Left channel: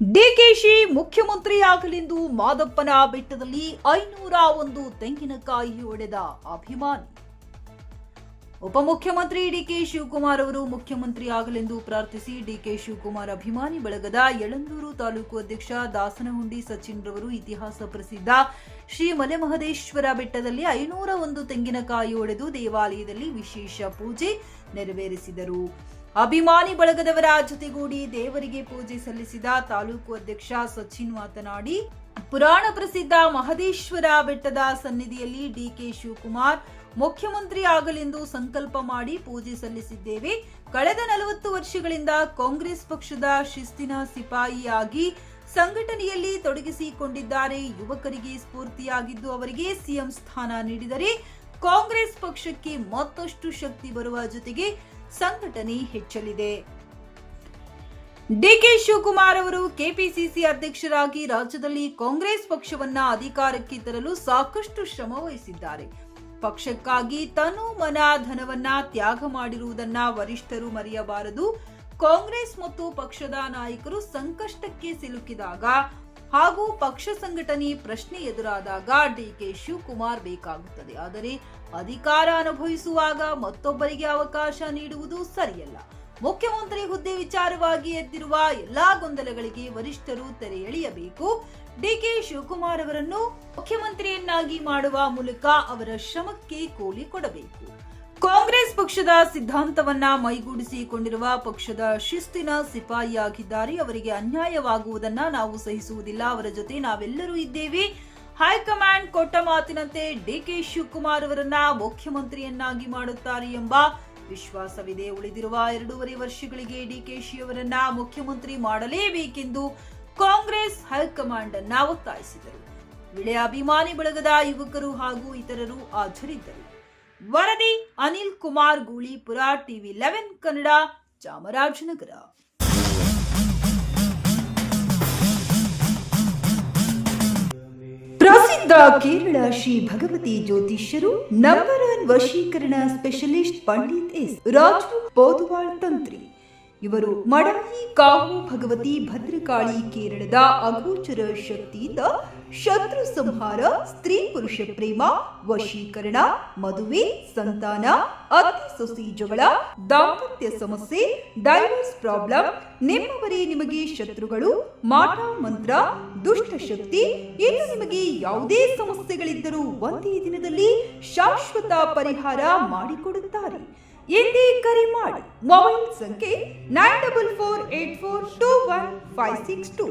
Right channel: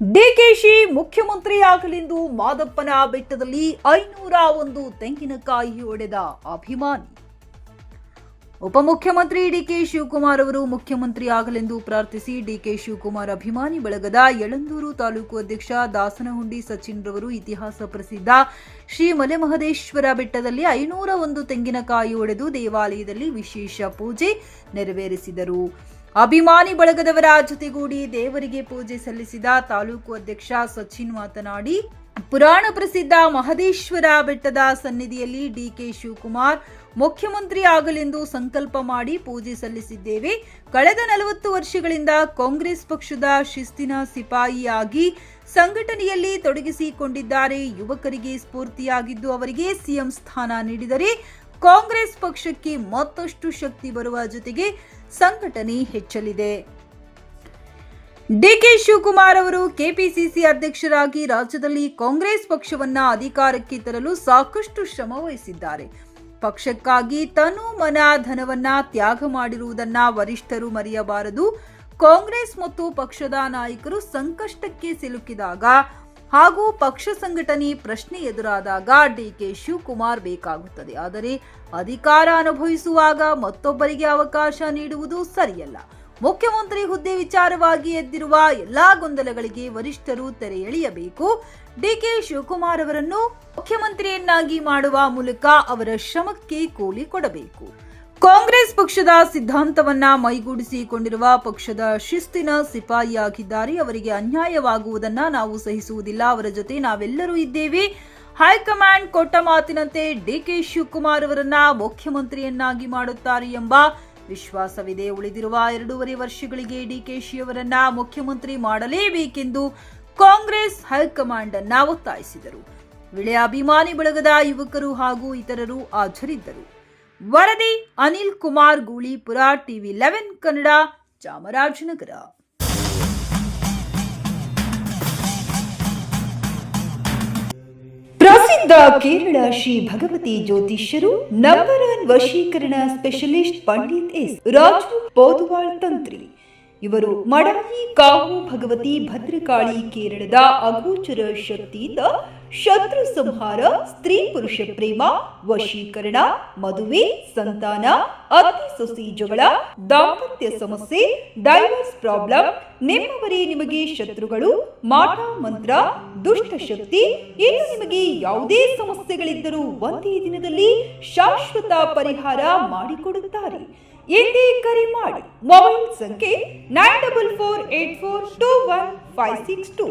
ಡಿಕೆಶಿ ಮುಖ್ಯಮಂತ್ರಿಯಾಗಲೆಂದು ಮಾದಪ್ಪನ ಬೆಟ್ಟದಲ್ಲಿ 501 ತೆಂಗಿನಕಾಯಿ ಒಡೆದ ಅಭಿಮಾನಿ. ಉಪಮುಖ್ಯಮಂತ್ರಿ ಡಿಕೆ ಶಿವಕುಮಾರ್ ಅವರು ಮುಖ್ಯಮಂತ್ರಿಯಾಗಲೆಂದು ಪ್ರಾರ್ಥಿಸಿ ಡಿಕೆ ಶಿವಕುಮಾರ್ ಅಭಿಮಾನಿ ಬಳಗದ ಯಳಂದೂರು ತಾಲೂಕು ಅಧ್ಯಕ್ಷ ದಾಸನಹುಂಡಿ ಸಚಿನ್ ರವರು ಇತಿಹಾಸ ಪ್ರಸಿದ್ಧ ಶ್ರೀ ಮಲೆಮಹದೇಶ್ವರ ಬೆಟ್ಟದಲ್ಲಿ 501 ತೆಂಗಿನಕಾಯಿ ಒಡೆದು ದೇವಾಲಯದಲ್ಲಿ ವಿಶೇಷ ಪೂಜೆ ನೆರವೇರಿಸಿದರು. ಅಭಿಮಾನಿ ಬಳಗದವರ ಜೊತೆಗೂಡಿ ದೇವರಿಗೆ ಪೂಜೆ ಸಲ್ಲಿಸಿದ ತಾಲೂಕು ಅಧ್ಯಕ್ಷ ಸಚಿನ್ ಮಾತನಾಡಿ, ಪುರಾಣ ಪ್ರಸಿದ್ಧ ಮಹದೇಶ್ವರ ಬೆಟ್ಟದ ಸನ್ನಿಧಿಯಲ್ಲಿ ಡಿಕೆ ಶಿವಕುಮಾರ್ ಮುಖ್ಯಮಂತ್ರಿ ಆಗಲೆಂದು ಸಂಕಲ್ಪ ಮಾಡಿ ಪೂಜೆ ಸಲ್ಲಿಸಿದ್ದೇವೆ. ಕಳೆದ 40 ವರ್ಷಗಳಿಂದ ಕಾಂಗ್ರೆಸ್ ಪಕ್ಷದ ಶಿಸ್ತಿನ ಸಿಪಾಯಿಯಾಗಿ ಸಂಘಟನೆಯಲ್ಲಿ ತೊಡಗಿಸಿಕೊಂಡಿದ್ದಾರೆ. ಯುವಕರಿಗೆ ಸ್ಫೂರ್ತಿಯಾಗಿದ್ದು ಅವರಿಗೆ ಸಿಎಂ ಸ್ಥಾನ ನೀಡಿದರೆ ಕಾಂಗ್ರೆಸ್ ಪಕ್ಷಕ್ಕೆ ಮತ್ತಷ್ಟು ಶಕ್ತಿ ಬರುವ ಜೊತೆಗೆ ಸಂಘಟನೆ ಹೆಚ್ಚಲಿದೆ. ಡಿಕೆ ಶಿವಕುಮಾರ್ ಅವರು ಕೆಪಿಸಿಸಿ ಅಧ್ಯಕ್ಷರಾಗಿ ರಾಜ್ಯದಲ್ಲಿ ಕಾಂಗ್ರೆಸ್ ಪಕ್ಷವನ್ನ ಅಧಿಕಾರಕ್ಕೆ ತರಲು ಸಾಕಷ್ಟು ಶ್ರಮ ವಹಿಸಿದ್ದಾರೆ. ಪಕ್ಷಕ್ಕಾಗಿ ತನು ಮನ ಧನವನ್ನ ತ್ಯಾಗ ಮಾಡಿರುವುದನ್ನ ವರಿಷ್ಠರು ಮರೆಯಬಾರದು. ಕಾಂಗ್ರೆಸ್ ಮತ್ತು ಪಕ್ಷದ ನಾಯಕರು ಸಂಕಷ್ಟಕ್ಕೆ ಸಿಲುಕಿದಾಗ ಹಾಗೂ ಪಕ್ಷ ಸಂಘಟನೆ ಪ್ರಶ್ನೆ ಎದುರಾದಾಗ ಡಿಕೆ ಶಿವಕುಮಾರ್ ಬೇಕಾಗುತ್ತದೆ. ಆದರೆ ಅಧಿಕಾರ ಅನುಭವಿಸುವಾಗ ಮತ್ತೊಬ್ಬರಿಗೆ ಅವಕಾಶ ನೀಡುವುದು ಸರಿಯಲ್ಲ. ಮುಖ್ಯಮಂತ್ರಿ ಹುದ್ದೆ ವಿಚಾರವಾಗಿ ಎದ್ದಿರುವ ಎಲ್ಲಾ ಗೊಂದಲಗಳಿಗೆ ವರಿಷ್ಠರು ತೆರೆ ಎಳೆಯಬೇಕು. ಡಿಕೆ ಶಿವಕುಮಾರ್ ಅವರನ್ನು ಮುಖ್ಯಮಂತ್ರಿಯನ್ನಾಗಿ ಮಾಡುವ ಮೂಲಕ ಅವರ ಶ್ರಮಕ್ಕೆ ಕೂಲಿ ಕೊಡಬೇಕು. ಕಾಂಗ್ರೆಸ್ ಪಕ್ಷದ ಸಿದ್ಧಾಂತವನ್ನ ಮೈಗೂಡಿಸಿಕೊಂಡಿರುವ ಪಕ್ಷದ ಶಿಸ್ತಿನ ಸಿಪಾಯಿಯಾಗಿದ್ದಾರೆ. ಅವರಿಗೆ ಅನ್ಯಾಯವಾಗುವುದನ್ನ ನಾವು ಸಹಿಸುವುದಿಲ್ಲ. ಅವರ ಜೊತೆ ನಾವೆಲ್ಲರೂ ಇದ್ದೇವೆ. ಹೈಕಮಾಂಡ್ ಕೊಟ್ಟ ಮಾತಿನಂತೆ ಡಿಕೆ ಶಿವಕುಮಾರ್ ಅವರನ್ನ ಮುಖ್ಯಮಂತ್ರಿಯನ್ನಾಗಿ ಮಾಡುತ್ತಾರೆ ಎಂಬ ವಿಶ್ವಾಸವಿದೆ. ಉಳಿದಿರುವ 2.5 ವರ್ಷಗಳಿಗೆ ಡಿಕೆಶಿ ಅವರನ್ನ ಮುಖ್ಯಮಂತ್ರಿ ಮಾಡಲೇಬೇಕೆಂದು ಕಾಂಗ್ರೆಸ್ ಹೈಕಮಾಂಡ್ ಅನ್ನ ಒತ್ತಾಯಿಸಿದರು. ವೇಳೆ ಅಭಿಮಾನಿ ಬಳಗದ ಯುವಕರು ಹಾಗೂ ಇತರರು ಹಾಜರಿದ್ದರು. ವರದಿ ಅನಿಲ್ ಕುಮಾರ್ ಗೂಳಿಪುರ, ಟಿವಿ 11 ಕನ್ನಡ, ಚಾಮರಾಜನಗರ. ಪ್ರಸಿದ್ಧ ಕೇರಳ ಶ್ರೀ ಭಗವತಿ ಜ್ಯೋತಿಷ್ಯರು, ನಂಬರ್ 1 ವಶೀಕರಣ ಸ್ಪೆಷಲಿಸ್ಟ್ ಪಂಡಿತ್ ಎಸ್ ರಾಜು ಪೋದುವಾಳ್ ತಂತ್ರಿ. ಇವರು ಮಡಾಯಿ ಕಾವು ಭಗವತಿ ಭದ್ರಕಾಳಿ ಕೇರಳದ ಅಗೋಚರ ಶಕ್ತಿಯಿಂದ ಶತ್ರು ಸಂಹಾರ, ಸ್ತ್ರೀ ಪುರುಷ ಪ್ರೇಮ, ವಶೀಕರಣ, ಮದುವೆ, ಸಂತಾನ, ಅತ್ತೆ ಸೊಸೆ ಜಗಳ, ದಾಂಪತ್ಯ ಸಮಸ್ಯೆ, ಡೈವರ್ಸ್ ಪ್ರಾಬ್ಲಮ್, ನಿಮ್ಮವರೇ ನಿಮಗೆ ಶತ್ರುಗಳು, ಮಾಟ ಮಂತ್ರ, ದುಷ್ಟ ಶಕ್ತಿ, ಇನ್ನು ನಿಮಗೆ ಯಾವುದೇ ಸಮಸ್ಯೆಗಳಿದ್ದರೂ ಒಂದೇ ದಿನದಲ್ಲಿ ಶಾಶ್ವತ ಪರಿಹಾರ ಮಾಡಿಕೊಡುತ್ತಾರೆ. ಎಂದೇ ಕರೆ ಮಾಡಿ. ಮೊಬೈಲ್ ಸಂಖ್ಯೆ 9448421562.